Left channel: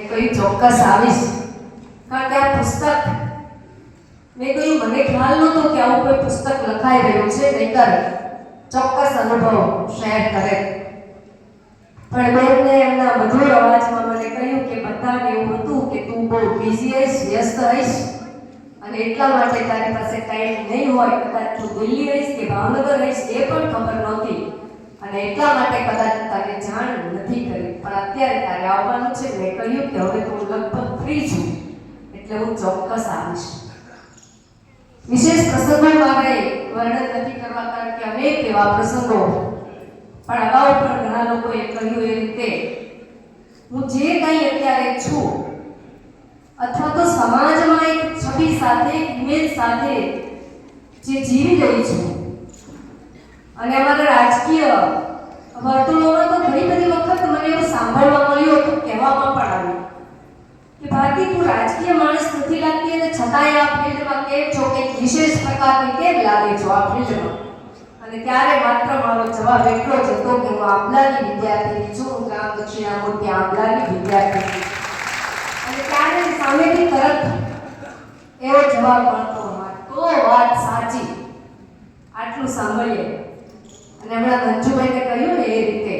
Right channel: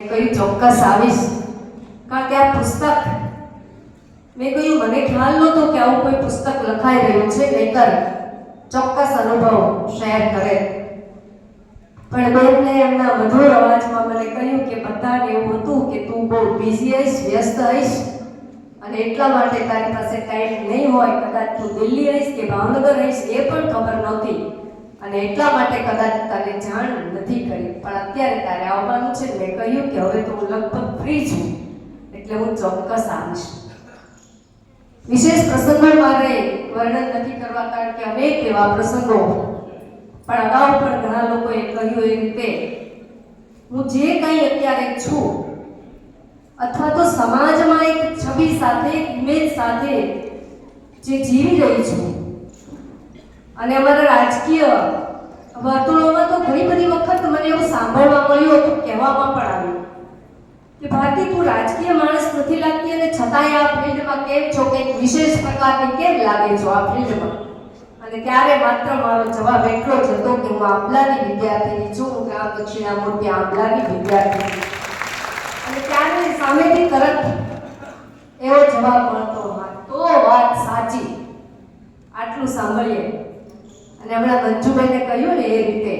કહ્યું, ચોક્કસ આવીશ. કારણ કે આ પુસ્તક, મેં કહ્યું, મને ખ્યાલ નહોતો કે આવું કોઈ પુસ્તક લખાઈ રહ્યું છે. નહીતર ચોક્કસ અનુભવ શેર કરે. પણ બેનને એમના મધુર અવાજમાં મને કહ્યું કે, બધાને એવું હતું કે તું બહુ બિઝી હઈશ વ્યસ્ત હઈશ અને એટલા માટે તારી પાસે ટાઈમ નહીં હોય. કદાચ તું દિલ્હી હઈશ કે ભાવનગર હઈશ એ પણ ખબર નહોતી. અને એટલા માટે કદાચ તારે જાણ નથી કરી, પણ અત્યારે તારે આવવાનું છે. મેં કહ્યું કે હવે તો હું લગભગ ફ્રી છું, એટલે હું ચોક્કસ આવીશ. વિશેષ પ્રસંગમાં મારે વર્ણન નથી કરવા, કારણ કે અનેક એવા પ્રસંગો પણ અગાઉ પણ ઘણા લોકોએ કહ્યું એ રીતે, હું જે કંઈ અત્યારે છું, અથવા તો સમાજમાં એક છબી સાથે, એક ઇમેજ સાથે જે જીવી રહી છું અને અમારા રાજકીય વર્તુળોમાં તો ઘણી બધી વખત મને એવું સાંભળવા મળ્યું હતું, કહેવામાં પણ આવ્યું કે ભારતી તું રાજકીય માણસ નથી લાગતી અને છતાંય આ ફિલ્ડમાં કેમ છો? કે વિશેષ પ્રકારની કેમ લાગે છો આ ફિલ્ડમાં? અને ત્યારે માત્ર મારો જવાબ એટલો જ હતો કે હું આંબલાની વિદ્યાર્થીની છું, હું ગ્રામ દક્ષિણામૂર્તિ આંબલાની વિદ્યાર્થી અને ત્યારે સામેથી તરત એવો જવાબ મળતો હા તો વાત સાચી આટલું સાંભળીએ અને હમણાં મંજુભાઈને કહ્યું ને એ રીતે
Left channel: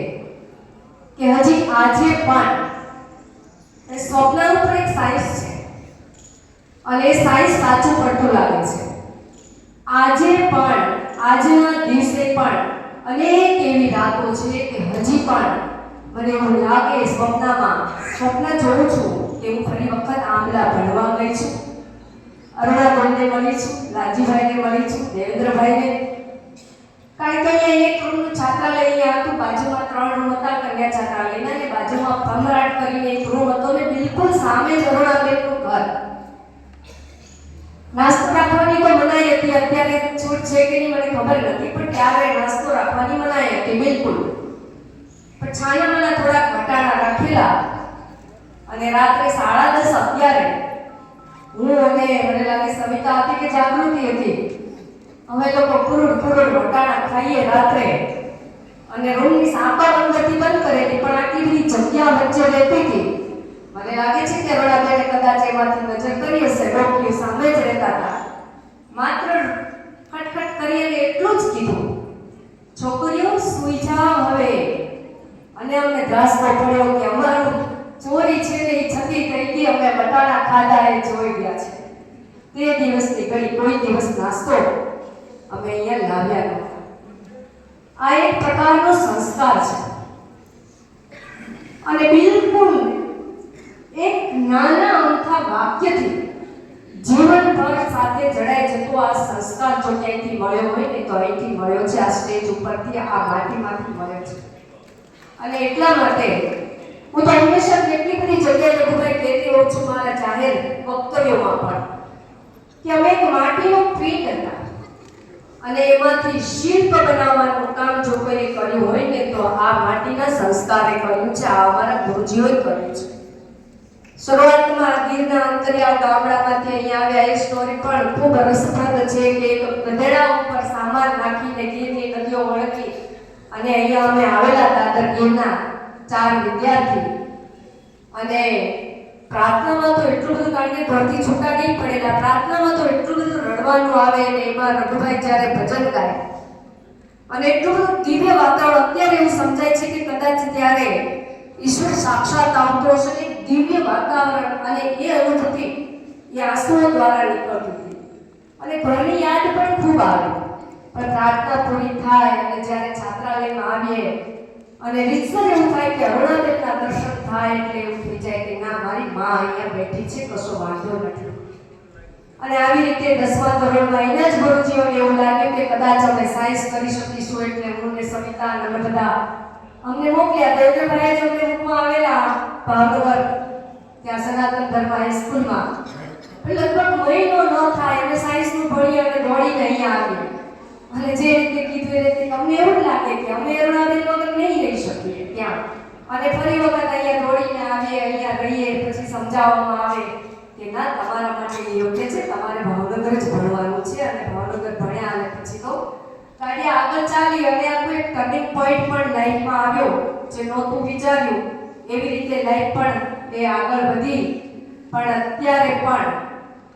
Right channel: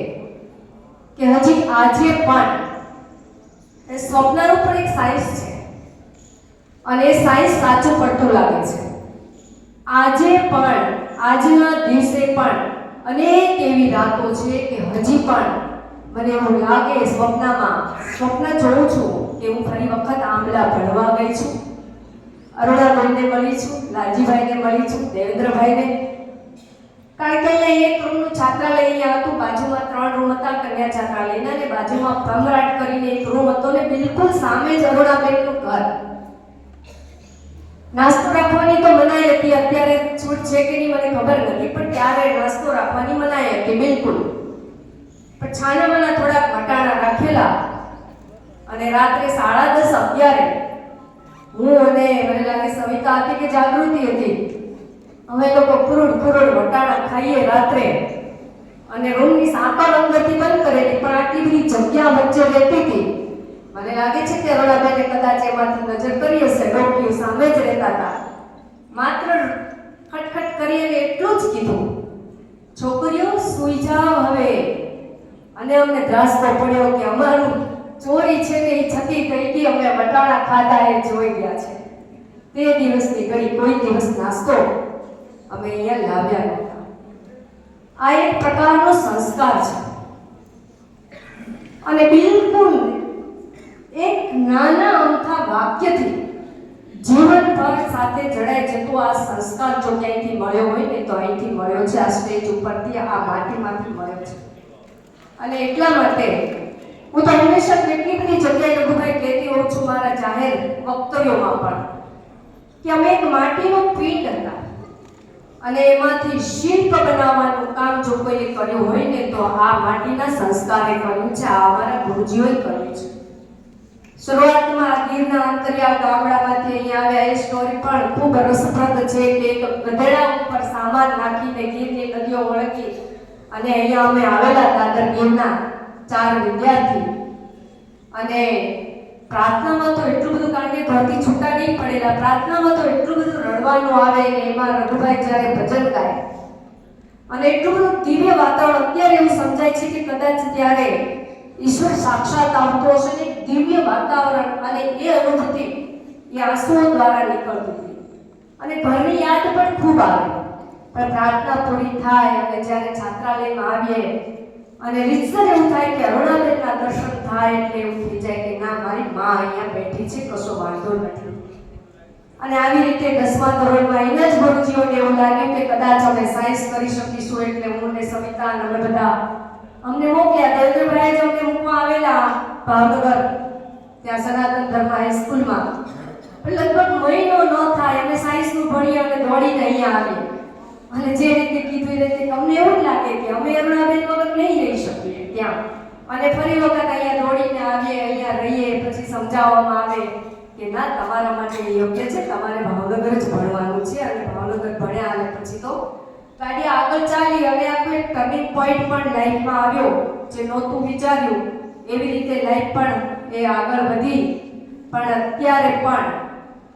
કે હજી આજે પણ એ સ્વપ્નનું પણ એક સાયન્સ છે અને સાયન્સ સાચું પડતું લાગે છે. આજે પણ, આજના દિવસે પણ અનેક એવી રાતો છે કે હજી પણ મને એવું લાગે સ્વપ્નમાં, સ્વપ્ન જોઉં છું કે હું ફરી વખત આંબલા ભણવા ગઈ છું. અરુણાબેનને મળી છું, લાલજીભાઈને મળી છું, દેવેન્દ્રભાઈને. કારણ કે અહીંયા એક રૂમનું છાત્રાલય અહીંયા હતું, બાજુમાં ત્રણ રૂમ હતા, કન્યા છાત્રાલયના, અને બાજુમાં ભમરાટ કરીને એક રૂમ હતો ને બિલકુલ સામે જ અરુણાબેનનું ઘર. નાસ્તો રાખવાની તો મનાઈ હતી, અત્યારે છૂટ છે કે નહીં મને ખબર નથી, પણ ત્યારે નાસ્તો રાખવાની મનાઈ હતી, બિલકુલ. પણ છાનામાના થોડાક ઘટાડા રાખેલા. અને રાત્રે સાડા દસ અગિયારે હું અને મને લાગે સવિતા હતી કે જાગૃતિ હતી, અમે લોકો કુરુડ કુરુડ વટાણા ખાઈએ રાત્રે. અને રૂમની સાંકળ અંદરથી બંધ કરેલી, પણ આટલી બધી જગ્યા વચ્ચે રહેતી હતી. મને લાગે છે કે અરુણાબેને કદાચ એમાંથી નજર કરી હશે ડોકીઓ સામે જ માત્ર ખટખટ કરી અને એટલું જ કીધું. છોકરીઓ, સૂઈ જાઓ હવે. અને અમને ધ્રાસકો પડ્યો કે અમારું ચોરી છે ને એ છતી થઈ ગઈ, અમે બટાણા ખાધા એ જોઈ ગયા છે. તે દિવસની ગઈ, કોઈ દિવસ નાસ્તો અમે અહીંયા લાવ્યા નહોતા. આ એક પ્રકારનો સંસ્કાર છે. અને બિલકુલ એક નાના અમથા વાક્યથી જીવનભર સાથે જડાઈ જતો આ સંસ્કાર જો ક્યાંયથી મળ્યો હોય ને તો અહીંથી મળ્યો છે. આ સ્ટેજ ઉપરથી આ માટીમાંથી મળ્યો છે. અને એટલા માટે હું તો હંમેશા કેટલી બધી જગ્યાએ રઘુભાઈ કહેતી હોઉં છું, મારા જાહેર વક્તવ્યોમાં પણ, કે અમે એક માટીનો પીંડ હતા અને એમાંથી શિલ્પ બનાવવાનું કામ જો કોઈએ કર્યું હોય ને તો આ માટીના સંસ્કારે કર્યું છે. આ અમારા ગુરુજીઓએ કર્યું છે. શરૂઆતમાં ગીરના અંતરિયાળ ગામડામાંથી અહીંયા આવ્યા. એ સ્ટોરી પણ ખૂબ રસપ્રદ છે કે એક ગધેડા ઉપર સામાન નાખીને ગીરની નદીઓ વળગી અને અહીંયા અમે આવેલા દાદર ગીરના ચાર વિદ્યાર્થી. અને પ્રાર્થનામાં તો એટલું બધું કારણ કે ઘરથી છૂટા નહીં પડેલા પ્રાર્થનામાં તો એટલું બધું રડવાનું આવે ને એમાં રઘુભાઈ જ્યારે ભજન ગાય. અને એટલું બધું દિવ્ય વાતાવરણ, અત્યારે એવું સમજાય છે કે કદાચ ત્યારે ઈશ્વર સાક્ષાત આવતો હશે ને, દિવ્ય વાતાવરણ અને એ અનુભૂતિ એ આંસુઓ દ્વારા નીકળતી હતી અને ઘરની યાદ પણ ખૂબ આવે. પણ પ્રાર્થના પૂરી થાય અને જ્યારે છાત્રાલયમાં આવીએ અને રીતસર એવું થાય કે અરુણાદેવના દર્શન થાય એટલે એવું થઈ જાય કે ના, મારી મા અહીંયા બેઠી છે, કશો વાંધો નથી. અને આવી રીતે દસમા ધોરણમાં એના જ ગુરુજીઓને એવું લાગ્યું કે કદાચ અમે સાયન્સ કરી શકીશું એટલે હું ને સવિતા અને અમને મોકલ્યા દેવેન્દ્રભાઈ જો અમને મૂકવા આવેલા ભાવનગર, ત્યાં સનાતન ધર્મ હાઈસ્કૂલમાં લગભગ મહિનો ન થાય અને સાયન્સનું ભણી અને દોડીને અહીંયા આવી અને જે રીતે કીધું એ અમને એવું લાગે કે અમે અરુણાબેન વગર નહીં રહી શકીએ ત્યાં. અને ફરી વખત અહીંયા દોડીને આવીએ, અહીંયા રહીએ, પછી સમજાવવામાં આવે કે ના, તમારા માટે યોગ્ય છે, તમારે ભાવનગર જ ભણવાનું છે. અને ભાવનગર ભણ્યા અને પછી તો ગાડી આગળ ચાલી અને એક ટર્નિંગ પોઈન્ટ પણ લાઈફમાં આવ્યો જે નહોતું વિચાર્યું, એવી રીતે લાઈફ પણ એ આગળ વધી. પણ અત્યારે પણ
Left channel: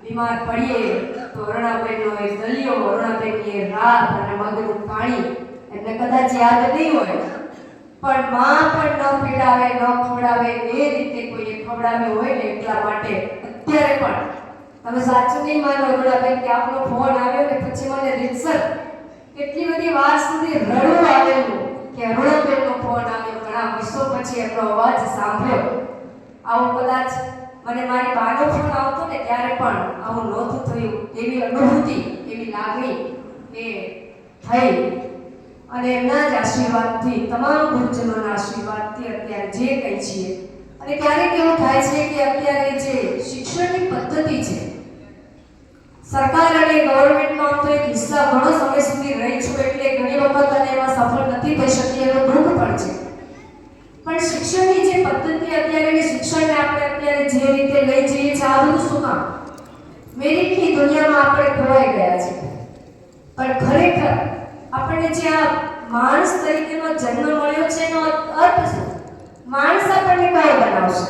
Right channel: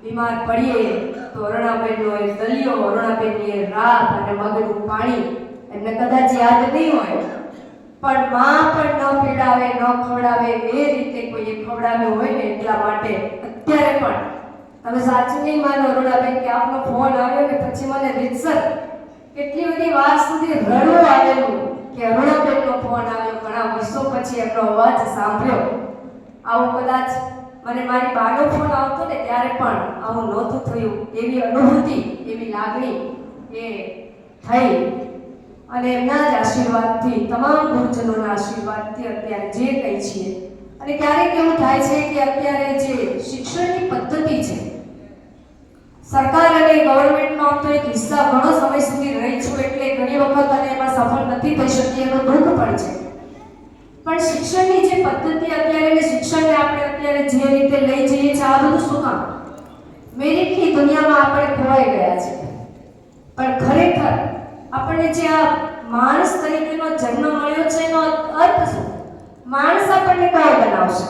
બીમાર પડીએ તો અરુણાબેનનો એ દલિયો અરુણાબેનની એ રાત અને મગનું પાણી એમને કદાચ યાદ નહીં હોય. પણ માં પણ ન પીડાવે, ન ખવડાવે, એ રીતે કોઈએ ખવડાવ્યો હોય ને એટલા માટે અત્યારે પણ. તમે સાચું નહીં માનો અરુણાબેન કે આપનો ફોન આવ્યો ને પછી મને રીતસર કેટલી બધી વાર સુધી રડવું આવેલું કે અરુણાબેનનો ફોન આવ્યો ઘણા વર્ષો પછી એમનો અવાજ સાંભળ્યો આવું કદાચ મને મારી બાનો ફોન આવતો ને ત્યારે પણ આવું નહોતું થયું. એવી અનુભૂતિ, એવી લાગણી એ થઈ. અને એમના જ આશીર્વાદથી, તમામ ગુરુજનોના આશીર્વાદથી અત્યારે જે કંઈ છીએ અને ક્યારેક એવું થાય છે કે અત્યારે જે શિક્ષણની પદ્ધતિ છે, સરકાર અને ગવર્મેન્ટમાં તો એક હિસ્સા ઘણો સમય સુધી રહી છું એટલે ઘણી વખત અને એમાં સફળ નથી થઈ શકી એનું દુઃખ પણ છે. પણ શિક્ષણની જે પદ્ધતિ અત્યારે ને શિક્ષણને આપણે અત્યારે જે રીતે લઈ જઈએ છીએ, આ બધું શું કામ? મેરિટની દુનિયામાં આપણે ખોવાઈ ગયા છે પણ ખરેખર આપણને જે આ માણસ તરીકેનો જન્મ મળ્યો છે એનો અર્થ શું? માણસ આપણને કયો બનાવશે?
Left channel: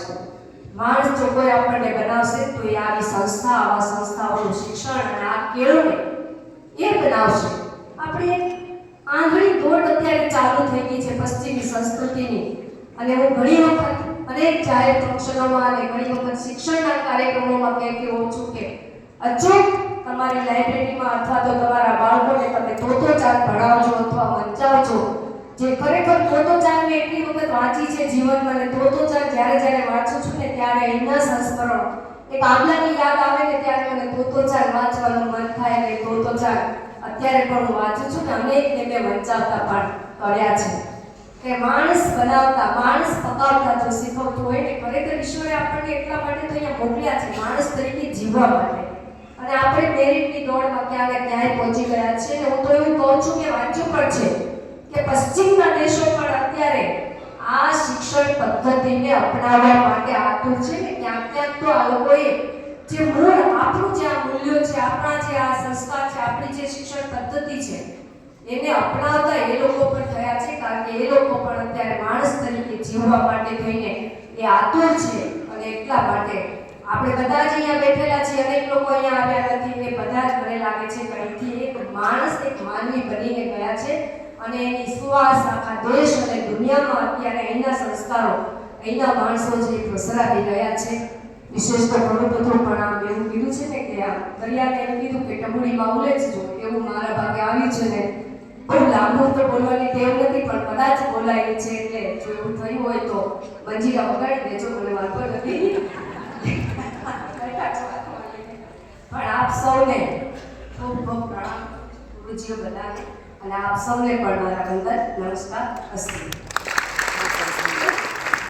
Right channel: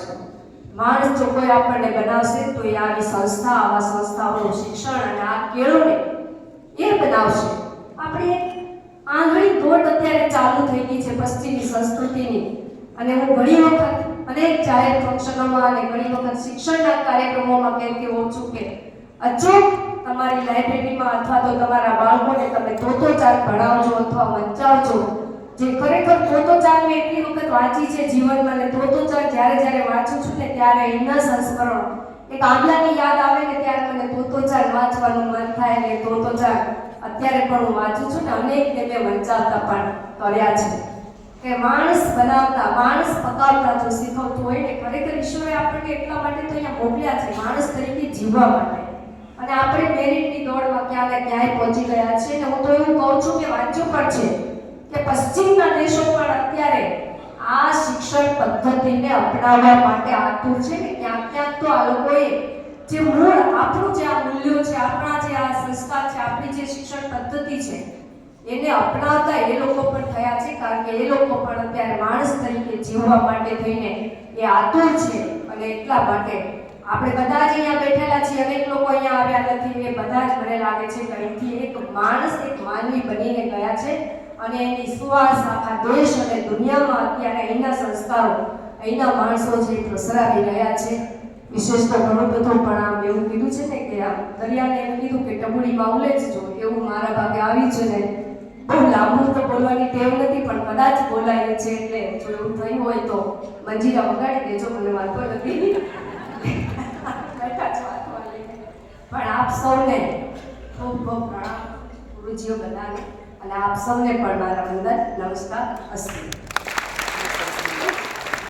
માણસ જો કોઈ આપણને બનાવશે તો એ આવી સંસ્થા, આવા સંસ્થાઓનું શિક્ષણ અને આ કેળવણી એ બનાવશે. આપણે આંગળી દોટ અત્યારે ચાલુ થઈ ગઈ છે પશ્ચિમી સંસ્કૃતિની. અને હું ઘણી વખત અનેક જાહેર ફંક્શનોમાં અને ઘણી વખત શિક્ષણના કાર્યક્રમોમાં કહેતી હોઉં છું કે અચૂક તમારી લાઇબ્રેરીમાં અથવા તો તમારા બાળકોને તમે તોતો ચાલ ભણાવજો અથવા વંચાવજો. જે ખરેખર તોતો ચાલ મેં એટલી વખત વાંચી છે જીવનમાં અને તોતો ચાલ જ્યારે જ્યારે વાંચું છું ને ત્યારે એના સંસ્કરણો, એક આગલાની યાદ આવે ને ત્યારે મને તોતો ચાર વાંચવાનું મન થાય અને તોતો ચાર અત્યારે પણ હું વાંચું છું ને અનેકને મેં વંચાવતા પણ કર્યા છે. કે માણસ બનાવતા, માણસ પકાવતા જો શીખવતું હોય ને, ખરેખર ઈશ્વરે આપણને એટલા માટે તો અહીંયા મોકલ્યા છે, માણસ તરીકે જીવવા માટે. અને આપણે મેરિટની દોડમાં ક્યાં ને ક્યાંય પહોંચી ગયા છીએ ને, હું તો એવું કહું છું કે વાંચ્યું પણ છે કે પશ્ચિમના દેશો પણ અત્યારે આ શિક્ષણ પદ્ધતિને અપનાવવા માટે આતુર છે ને, ક્યાંક ક્યાંક તો આ લોકોએ જે મૂળ આપણું જે આ મૂલ્યો છે, આપણા જે આ સંસ્કાર છે, આપણી જે શિક્ષણ પદ્ધતિ છે એને અપનાવતા એ લોકો પણ થયા છે, કારણ કે એ લોકો પણ અત્યારે માણસ તરીકે જીવવા માટે થઈને એ આતુર છે અને એટલા માટે આપણે બધા જ અહીંયા બેઠેલા છીએ, અનેક લોકો અહીંયા આવ્યા નથી, એ બધા જ મને લાગે છે કે અહીંથી એક માણસ, એક માનવી બનીને ગયા છે અને એની સુવાસ, આખા દેશ અને દુનિયામાં અત્યારે અહીંના સંસ્કારો, અહીંના માણસો જે પ્રસરાવી રહ્યા છે. વિશેષ તો ઘણું બધું પણ આમ એવું કીધું છે ને કે આમ દરિયાને એમ કીધું કે ટબુડીમાં ઉલેચજો એવું મારા ભાગે આવ્યું છે ને બહુ લાંબુ બોલવાની ટેવ નથી, પણ કદાચ બોલાય છે એટલે જો એવું થયું હોય તો મંજીરા વગાડી દેજો, મને વાંધો નથી. પણ આપ સૌને ખૂબ ખૂબ પ્રણામ, ગુરુજીઓ બધાને. અને આપ સૌને પણ મારા બંદર નમસ્કાર, અસ્તુ.